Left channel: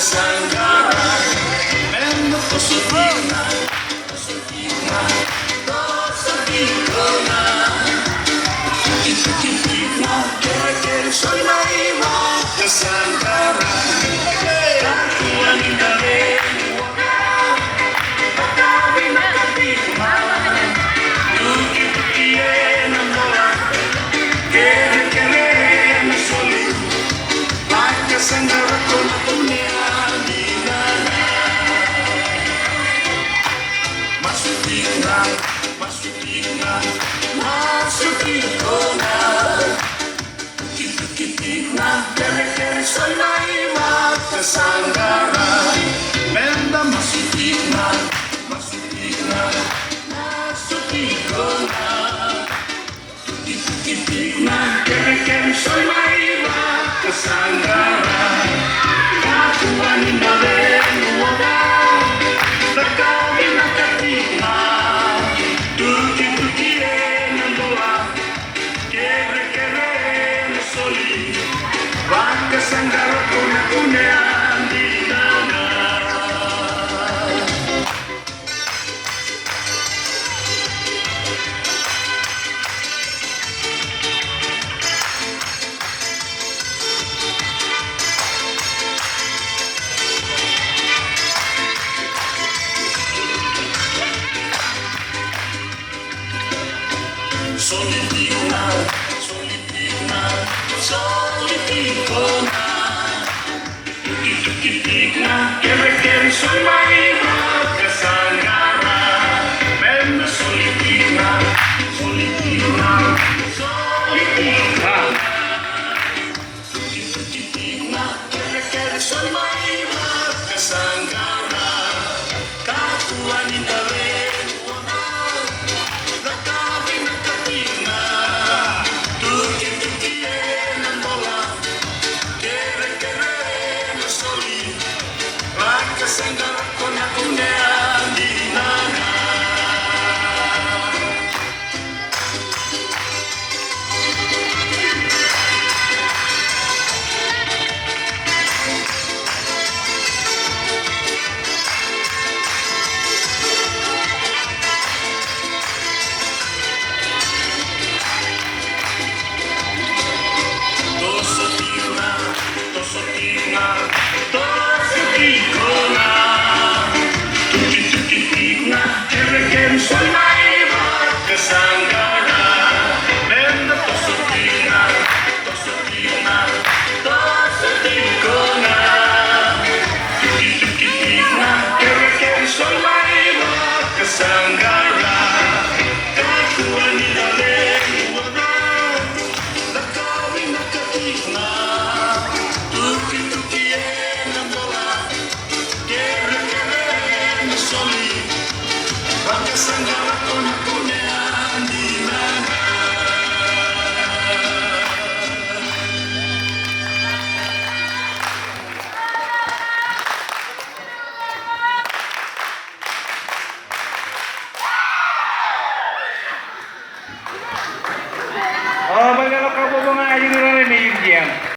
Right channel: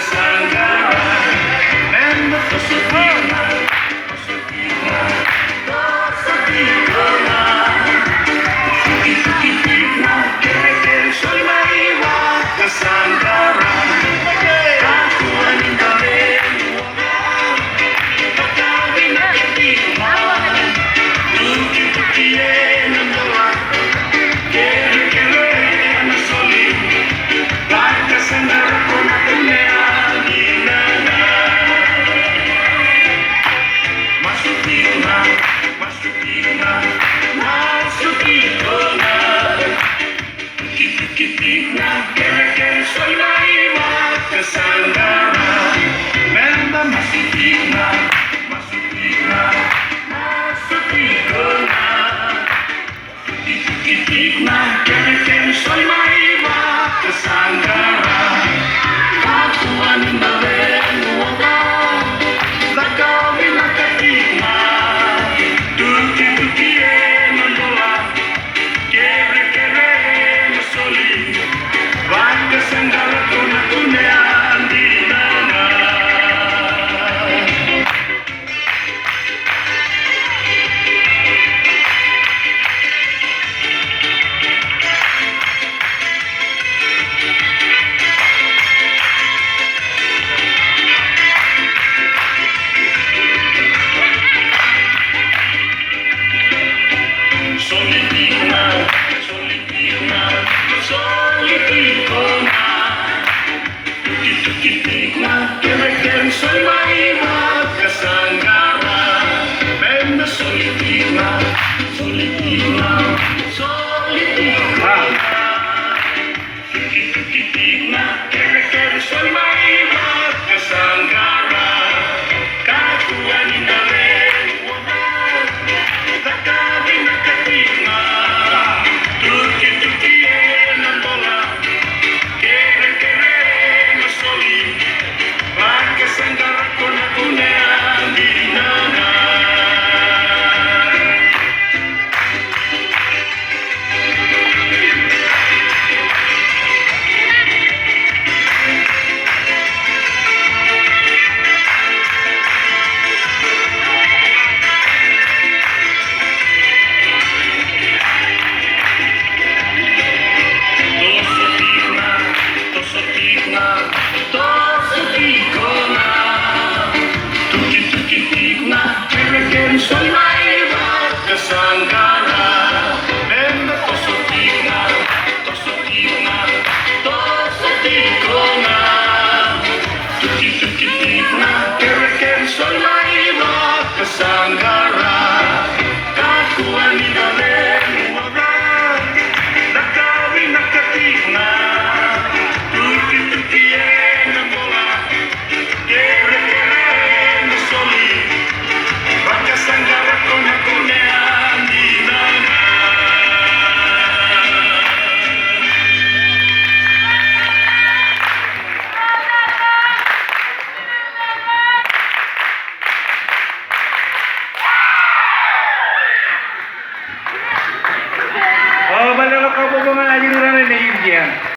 Sanggara and the Pasadena, Pasadena. Itukipina, kere soy Mariwa, Sanggara. Kakuan indare, pagkabi na katima, tuki-tukie ng bola, kere ang soli, pagkasanggara ko na tunea. Soy Mariwa, Sanggara, benda masutina, masutina, masutina. Titik-titik na, kere soy Mariwa, Sanggara. Kakuan na rin wala, lakawi na katima, tuki-tukie nundoa, kere na soli. Vanga Sanggara tunean di dana. Solitina, solitina, solitina. Tuki-tuki-tigna, kere soy Mariwa, Sanggara, benda solitina.